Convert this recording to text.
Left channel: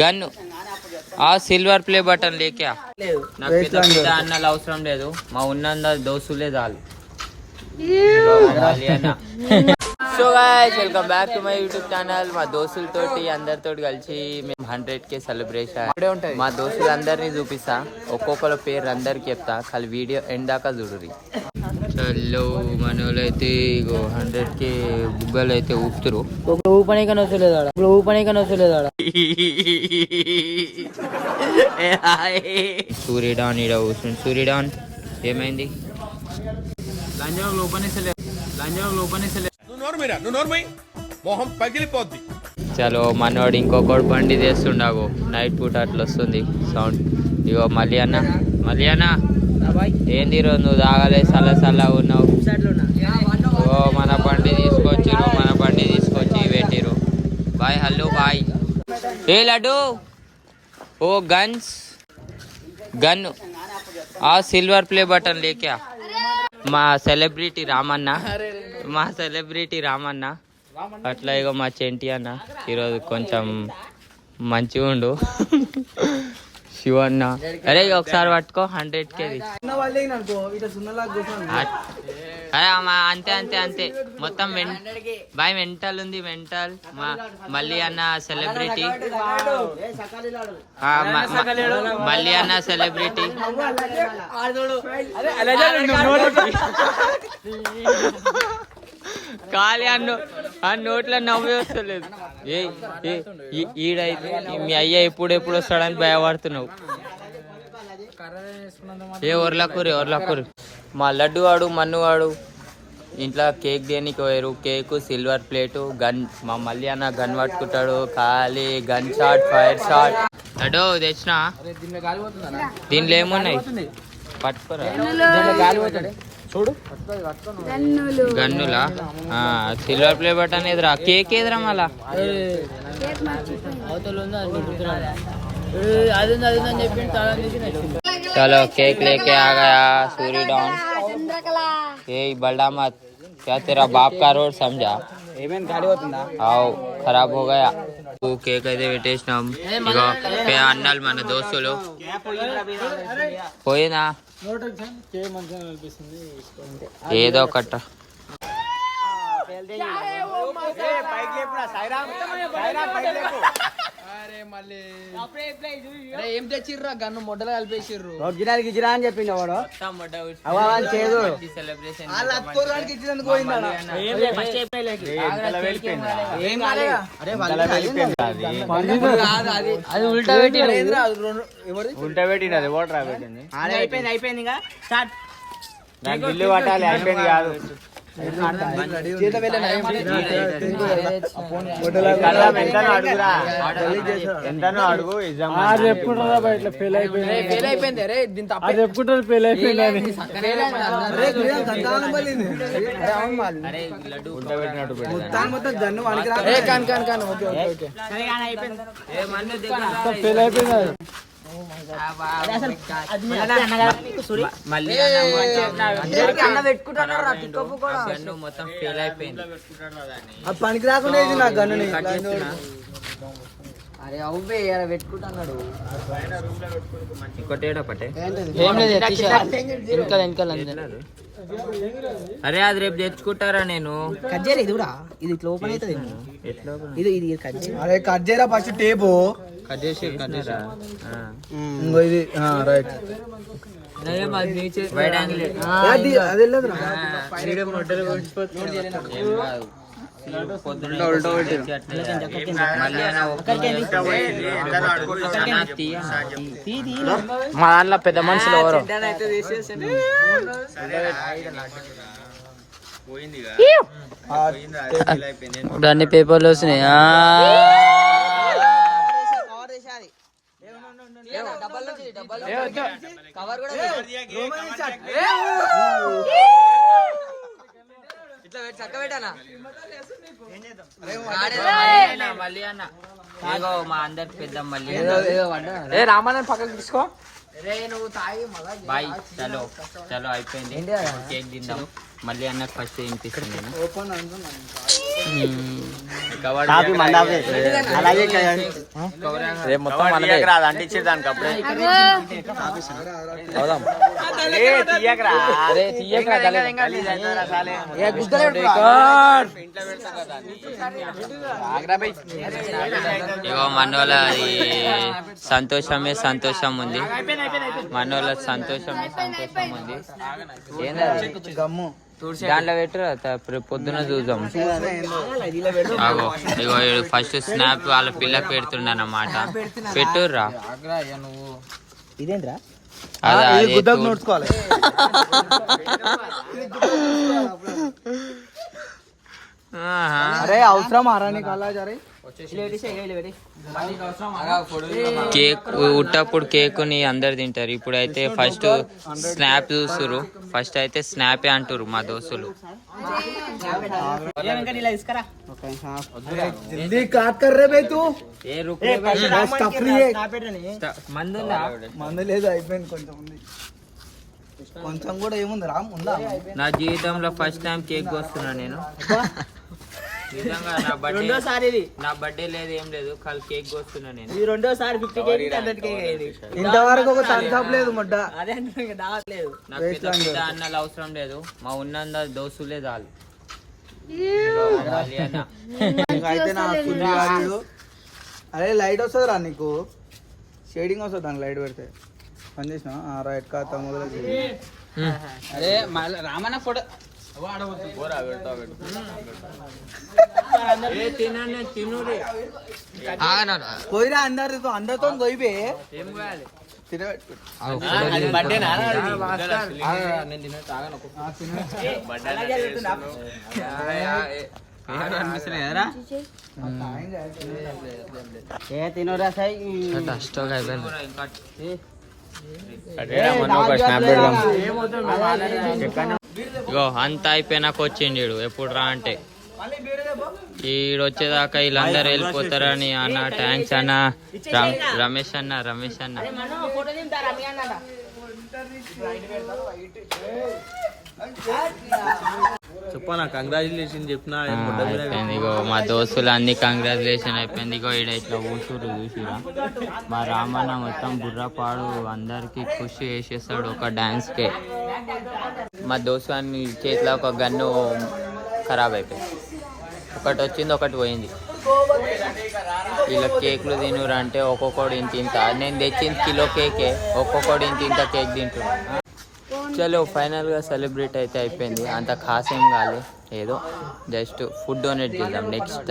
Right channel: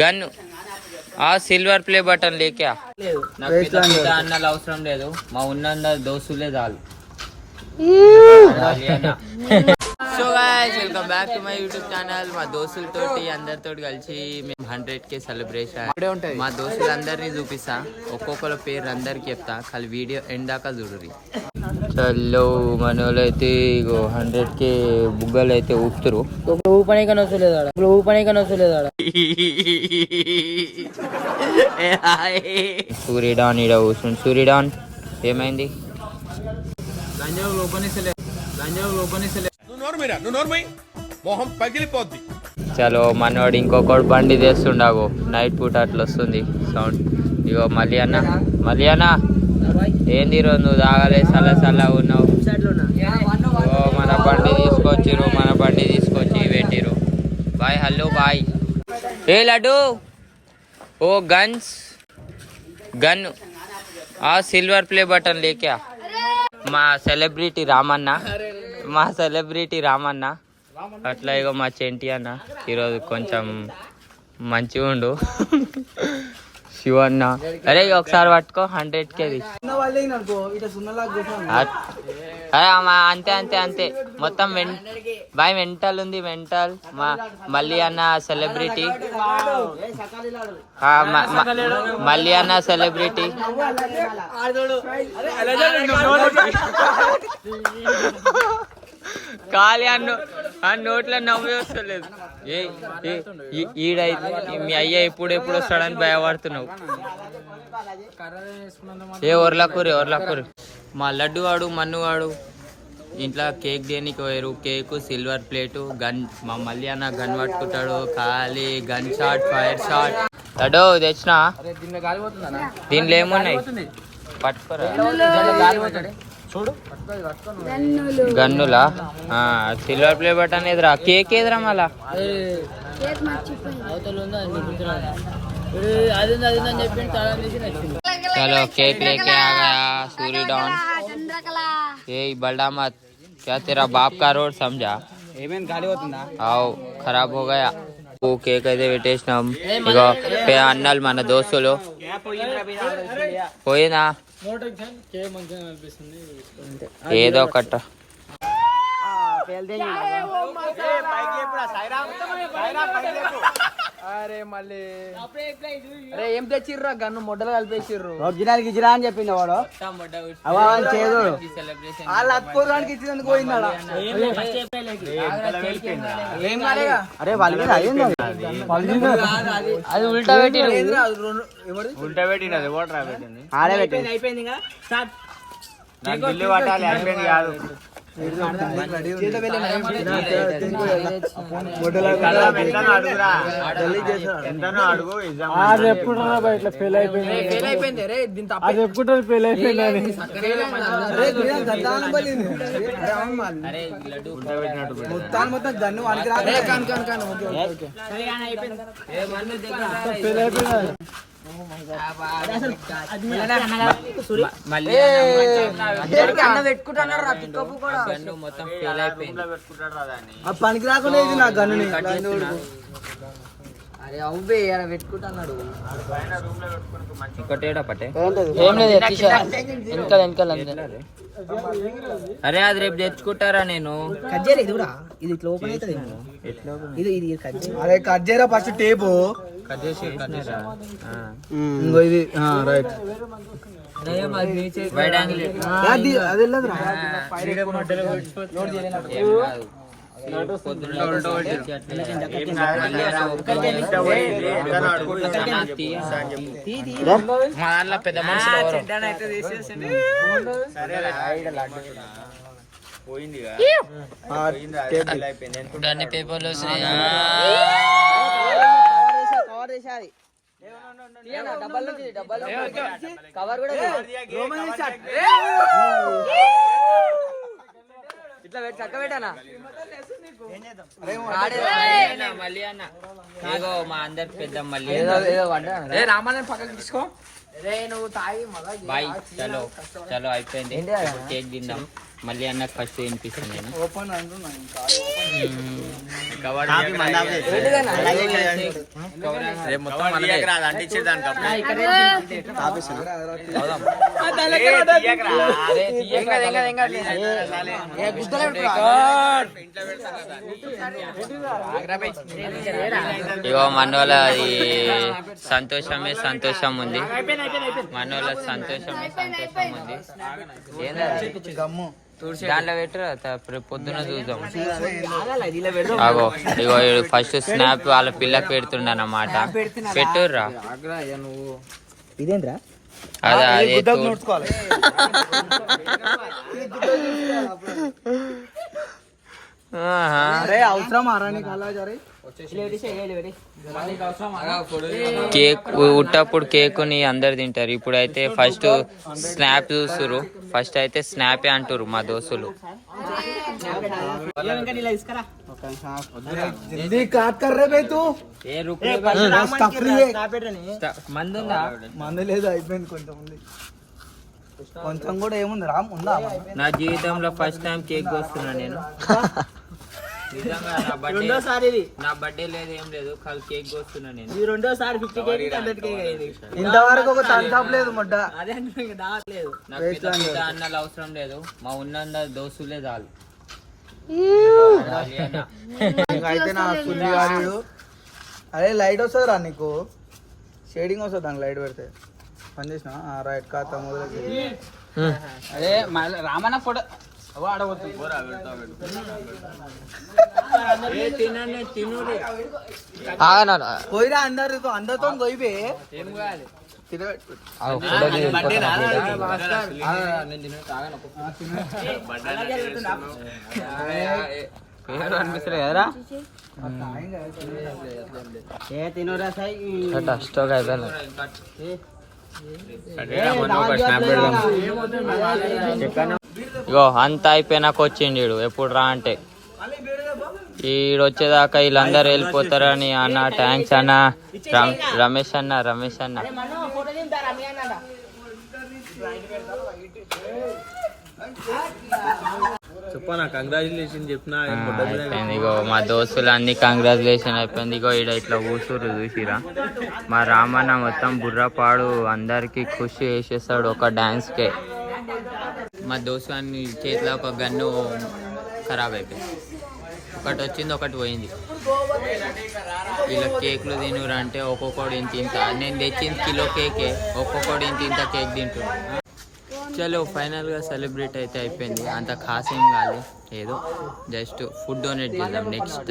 Gun ఆ silver play button లేకే నాకు పెద్ద అన్నలు అవసరం లేదు, మా ఉన్న దోస్తులే చాలు. So guys welcome back to my YouTube channel. మా దోస్తులతోటి అందరితో కలిసి మేము 100K సెలబ్రేషన్. మా దోస్తులు అందరినీ చూపిస్తా, ఒక్కొక్కరు పేరు అందరికి చెప్తా, ఖాళీ వీడియో ఎండ్ దాకా చూడుర్రి. చల్లో మనోళ్ళు అయితే 100K బుగ్గలు అయితే ఊపుతురు. ఊపనే కానీ వస్తలేదు. సూర్యడాన్ ఈడ కూర్చుంది. సూర్యడాన్ ఏమైంది? చలో మనోడు ఇంకొకటి బండి చేస్తుండవు, నైట్ పూట అట్లా వస్తుంది సౌండ్. ఇగో మళ్ళీ అన్న ఏంది రోజు నువ్వు తాగలే, చల్ల ఉన్నావు. ఓ మన బండి తీసుకొచ్చి పెట్టిరు. Bye hello bye. ఏ లడ్డు ఓ గన్ ఆ సిల్వర్ ప్లే బటన్ లేకే మా సెలబ్రిటీ రామన్న అట్లా. ఇగో మా చెంటి అన్న ఈరోజు కొంచెం మంచిగా ఉండు. శివన్న అరే ఒకసారి పట్టుకో 100K అంతే మొత్తం బాయ్ మెంటల్ ఉంది. మా మళ్ళీ అన్న సెలబ్రిటీ ఖాళీ ఆ నోట్లో నవ్వే వస్తలేదు. ఈడైతే మీ అయ్య ఎప్పుడు వస్తాడని భయపడుతున్నావు. ఒర్లకూరి మా లడ్డు వాడు మన్నువాడు ఇంట్లో కేక్ దేనికి పోయారు. Cake silver plate gun. మా మళ్ళీ అన్న గన్ పట్టుకుంటాడు. ఖాళీ gun shot, fire shot. Laddu తెచ్చినా దీనిలో ఏమున్నాయి పట్టుకోరా. గన్నులా సిల్వర్ ప్లే బటన్ ఎదురా, కేక్ ఎదురా మళ్ళా. चलो केक लेके आ गया सूरी डॉन. ये बड़ा मत, क्या तेरा बाप का रोड समझा? आओ खराब हो गया. కేక్ అయితే పెట్టేసినాం. ఇగో అన్నలు మన దోస్తులు పోయినా ఏదో ఒకట. ఏం తెచ్చిర్రా గన్ను మొడ్డలో కలిపేసిర్రు. గిజిరా అని చెప్పింది వాడు. అది ఉల్టా పెట్టింది. అయిపోయింది ఇంకా స్టార్ట్. ఫెయిల్ అయిపోయింది. మొత్తం గన్ను మళ్ళీ మొత్తం ఫెయిల్ అయిపోయింది. పనికి రాకుండా కట్ చేస్తున్నా. అరే అవువే పెట్టుకుంటున్నాడు. ఇంకోటేడా పట్టే అరే అది రేపు తెచ్చుకుంటారా? నేను కట్ చేయలే. ఇది కూడా ఇది ఇట్లా ఓపెన్ అవుతుంది. ఇది కట్ చేయ. అరే కట్ చేయరా ఫస్ట్ టేపు కట్ చేసి ఇది రైట్. వైడ్ యాంగిల్ మా దాంట్లో పెద్ద మనుషులు అన్ని పేపర్లు వస్తున్నాయి. మళ్ళీ అన్న ఇగో మా అందరికి పెద్ద మళ్ళీ రామాయణ పక్కన తీసుకో. బాయ్. చలో అయిపోయింది. ఇప్పుడు కేక్ తిందాం. మళ్ళీ అన్నకు ఫస్ట్ తినిపిస్తాను నేను. రేపు మొత్తం ఇగో మనోళ్ళ సంతోషమే సంతోషం ఉంది, మనోళ్ళ సంతోషమే సంతోషం ఉంది. ఏం కాదు దాంట్లో పెట్టు, పొద్దున చూద్దాం. అగో ఇగో ఫస్ట్ స్నాప్ వాళ్ళ పిల్లకి పెడుతుండ అన్నమాట. పెట్టుర్రా ఇదేంద్రా అదే అవసరం ఆరానికి అలా జరే కేక్ ఉట్టప్పుడు కేక్ ని అందరు తింటారు. ఇప్పుడైతే ఫస్ట్ స్నాప్ చూస్తురు, ఫస్ట్ అయితే స్నాపే అంటారు మా దోస్తులు. మందు లేదు, అయిపోయింది కొంచెం కూడా ఏముంది రా. నా జీవితంలో ఫస్ట్ టైం కేక్ కోస్తున్నా నేను. నిజంగా నా బర్త్డే లేదు ఏం లేదు, కాల్ కేక్ కోస్తున్నా నేను. రెండోసారి 50 కేక్ 100 కేక్ అయింది. ఇంతవరకు ఒక థమ్స్ లేదు మొట్ట. అదే నాకు పెద్ద అన్నలు అవసరం లేదు, మా ఉన్న దోస్తులే చాలు. అయితే నా అరే లైట్ వస్తుంది రా నీకు, షేడింగ్ వస్తుంది దానికి లైట్ పెడితే. పని చేసిన రా ఎక్క తమ్ముడు రామన్న ఫోటో పోయిరా అందరితో పోయిపోయి ఏం కావాలి. ఇగో అంతా అయిపోయినాక వచ్చిండు. ఎప్పుడు రా అంటే ఈడు వచ్చేదాకా వీళ్ళందరూ వెళ్ళిపోతారని అన్న. థ్యాంక్స్ అన్న. రమేష్ అన్న చెప్పనా కంగ్రాచులేషన్ చెప్పిన. ఇగో మా దోస్తులు అన్ని కంగ్రాచులేషన్ అయిపోయింది. ఇగో ఈడ ఇట్లా ఊసూరు చూసిరా, మా రామన్న మొత్తం బుర్రపాడు అందరికి ఖుషి వేసేస్తాడు ఒక డాన్స్ కే. మా దోస్తు అన్ని చేతిలో ఒక గన్ను ఖరాబ్ అయిపోయింది, ఒకటి వచ్చింది ఒకటి పోయింది. ఇలా కేకులు తినురా అంటే ఒక్కొక్కడు ఇంత నేను తెచ్చింది కిలో కేకే, ఒక్కొక్కడు ఇంత కేక్ తింటున్నా. చలో ఫైనల్గా సెలబ్రేట్ అయితే అయిపోయింది. అంత ఖాస్ ఏం కాలే, ఏదో జస్ట్ ఫుడ్ డొనేట్ చేద్దాం నెక్స్ట్.